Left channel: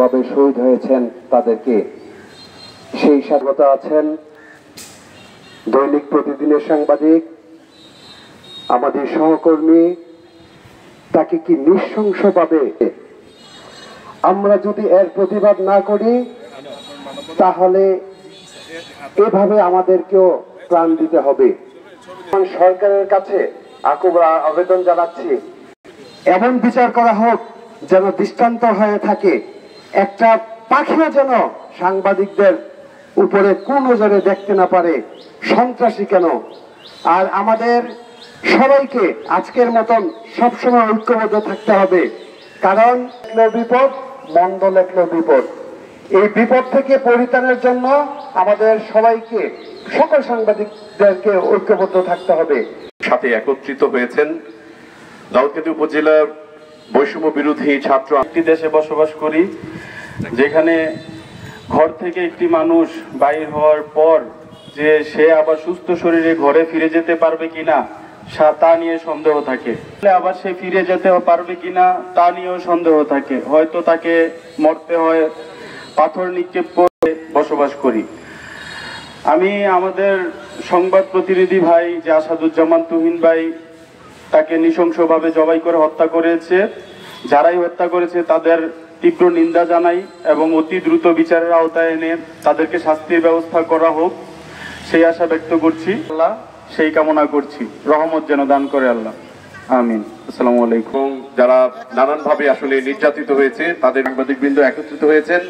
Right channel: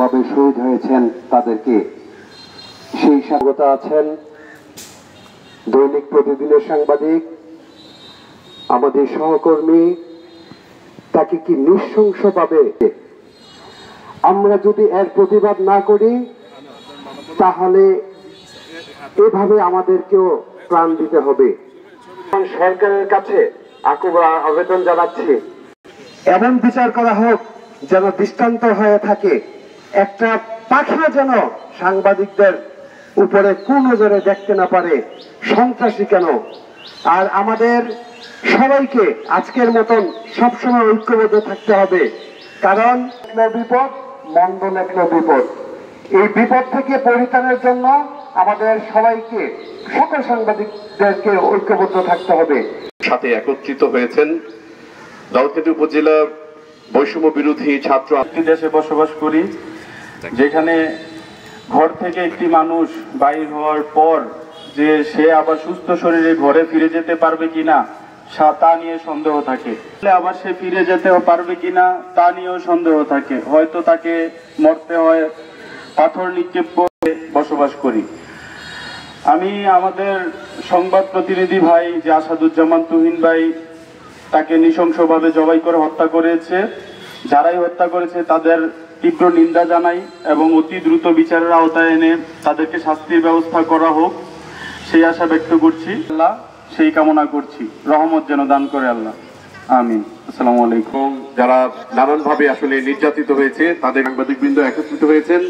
ভাবে শহীদ হয়েছেন তাদেরকে সেই স্বাগত আছেন দৈনিক প্রতিদিনের সাংবাদিক আমাদের সহকর্মী। তাকে কি নৃশংসভাবে আমরা যদি এর প্রতিবাদ না করি তাহলে এভাবে আমাদেরকেও প্রাণ দিতে হবে। সরকারের কাছে আকুবা আবেদন জানাচ্ছি, এমন বিচার করা হোক যেন দৃষ্টান্ত হয়ে থাকে। একটা পাখিও যেন সাংবাদিকদের উপরে কোন নজরে দেখতে না পারে, সন্ত্রাসী কেন। আর আমাদের সবাইকে আজকের মতন সবসময় ঐক্যবদ্ধ থাকতে হবে, কারণ বিপদ মন্দ লেখল বিপদ। এই বিপদ থেকে পরিত্রাণের জন্য আমাদের সবাইকে, সকল সাংবাদিকদেরকে ঐক্যবদ্ধ থাকতে হবে। সাথে একত্রিত হয়েছেন দাউদকান্দি উপজেলার বৈষম্য বিরোধী ছাত্র। একটি দেশে বসবাস করি যেখানে ঘর থেকে একটি মানুষ বাইর হওয়ার পর যে সে আবার সুস্থ শরীরে ঘরে ফিরে যেতে পারবে কিনা তা নিয়ে সন্দেহ থাকে, আবার সে ফিরে যেতে পারবে কিনা তা নিয়েও সন্দেহ থাকে। হয়তো তাকে মরতে হয়, পাথর নিক্ষেপ করে বসবাস করি। আমি আমাদের সংবাদ প্রতিনিধি ভাই যে আসাদুজ্জামান তুহিন ভাই, তাকে নৃশংসভাবে জবাই করে হত্যা করেছে। যারাই হত্যা করেছে তাদের তীব্র নিন্দা জানাই এবং অতি দ্রুত বিচারের আওতায় এনে তাদেরকে শাস্তির ব্যবস্থা করা হোক সেই আশা ব্যক্ত করছি। আল্লাহ সেই কামনা করছি, রহমত যেন দান করে আল্লাহ, আমিন। আসসালামু আলাইকুম। যারা নানানভাবে আসলে নির্যাতিত হয়েছে তাদের সাংবাদিকবৃন্দ একত্রিত হয়েছেন।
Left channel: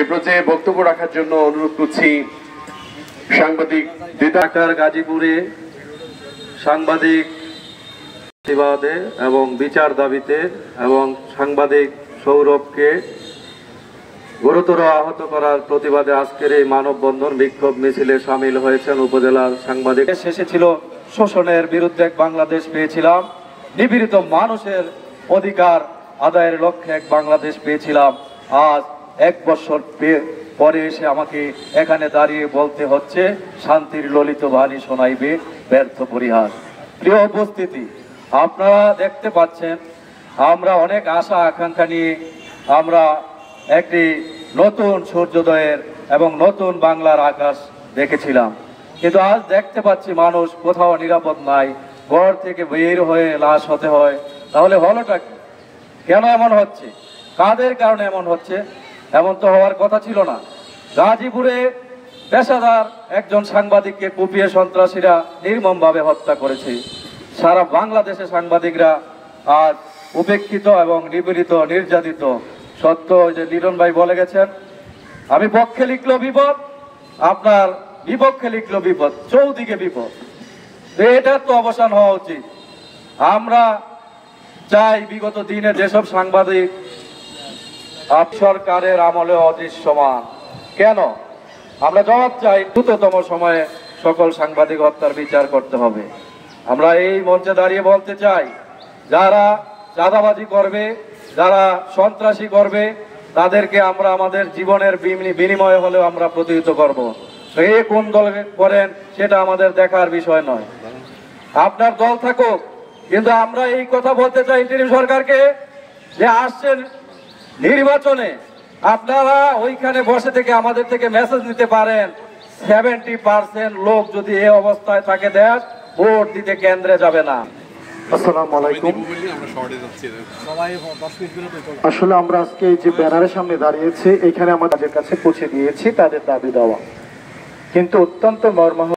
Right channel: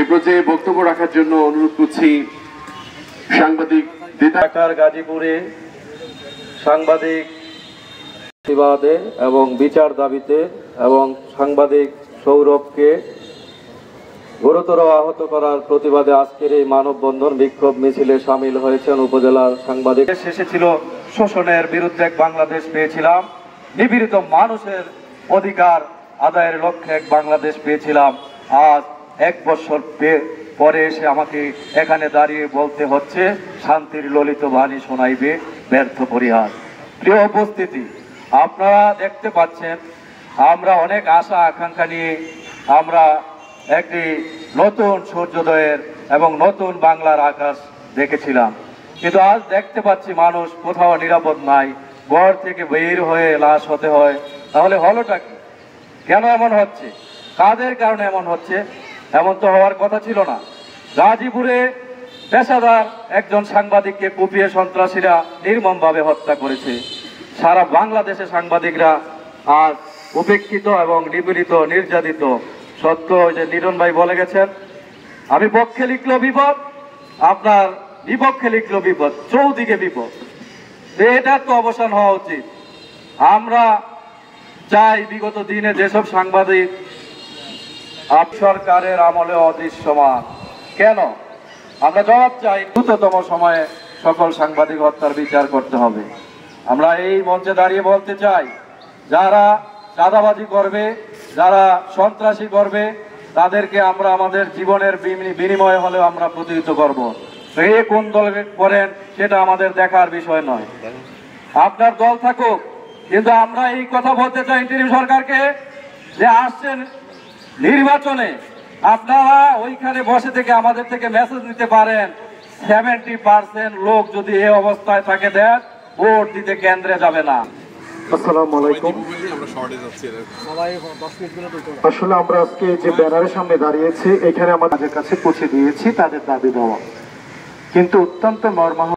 এ পর্যায়ে বক্তব্য রাখার জন্য অনুরোধ করছি সাংবাদিক ঢাকার গাজীপুরে সাংবাদিক প্রতিবাদে এবং বিচার দাবিতে এবং সাংবাদিক সৌরভকে গুরুতর আহত করার প্রতিবাদে আজকের এই মানববন্ধন বিক্ষোভ মিছিলে সামিল হয়েছেন উপজেলার সাংবাদিক। শেষে ছিল শোষণের বিরুদ্ধে বাংলাদেশ পেয়েছিলাম, নিপীড়িত মানুষের অধিকার আদায়ের লক্ষ্যে এক বাংলাদেশ পেয়েছিলাম। আজ 1 বছর পরে এসে আমাকে এখানে দাঁড়িয়ে বলতে হচ্ছে শান্তির ললিত বাণী শোনাইবে ব্যর্থ পরিহাস। প্রিয় উপস্থিতি, আপনারা দেখতে পাচ্ছেন আমরা অনেক আশা আকাঙ্ক্ষা নিয়ে আমরা একটি নতুন সূর্যোদয়ের এবং নতুন বাংলার আকাশ দেখেছিলাম, কিন্তু আজ দেখতে পাচ্ছি মানুষ কোথাও নিরাপদ নাই, ঘর থেকে বের হয়ে লাশ হতে হয়। তাহলে হলোটা কি? কেন এমন হচ্ছে? কাদের কারণে এমন হচ্ছে? এমন তো হওয়ার কথা ছিল না। গাজীপুরে পেশাদার একজন সাংবাদিককে কুপিয়ে সন্ত্রাসীরা নির্মমভাবে হত্যা করেছে। সারা বাংলাদেশে সাংবাদিকরা আজ উপেক্ষিত এবং নিপীড়িত, নির্যাতিত। সত্য যে লিটন ভাই বলে গেছেন, আমি পক্ষে লিখলো বিপদ, আপনার বিপক্ষে লিখলো বিপদ, চৌদিকে বিপদ। এটার তো অবসান হওয়া উচিত। আমরা চাই বিগত দিনে যেসব সাংবাদিক সরকারের আমলে অদৃশ্যমান, কেন আমরা জবাব চাই, দ্রুততম সময়ে সকল সাংবাদিক হত্যার বিচার করতে হবে। আমরা এই মঞ্চে দাঁড়িয়ে বলতে চাই, যারা চাঁদাবাজি করবে, যারা সন্ত্রাসী করবে, তাদেরকে আমরা আমাদের জীবনের বিনিময়ে হলেও আমরা প্রতিহত করব। এ কোন দল করেন সেটা আমাদের দেখার বিষয় নয়, আপনার দল থাকুক। কিন্তু আমরা এই কথা বলতে চাই ইন্টারিম সরকারকে যে আসছেন নির্বাচনে, আপনারা ওইখানে বসে থেকে আমাদের থেকে মেসেজ নিতে পারেন 70% লোক যদি এই অবস্থায় থাকে দেশ ভোট দিতে কেন্দ্রে যাবে না। আসসালামু আলাইকুম। আসলে আমরা আজকে যে ব্যানারের সামনে দাঁড়িয়েছি, এখানে আমাদের কাছে পৌঁছে দিয়েছি তাদের দাবি দেওয়া, কিন্তু অত্যন্ত মর্মাহত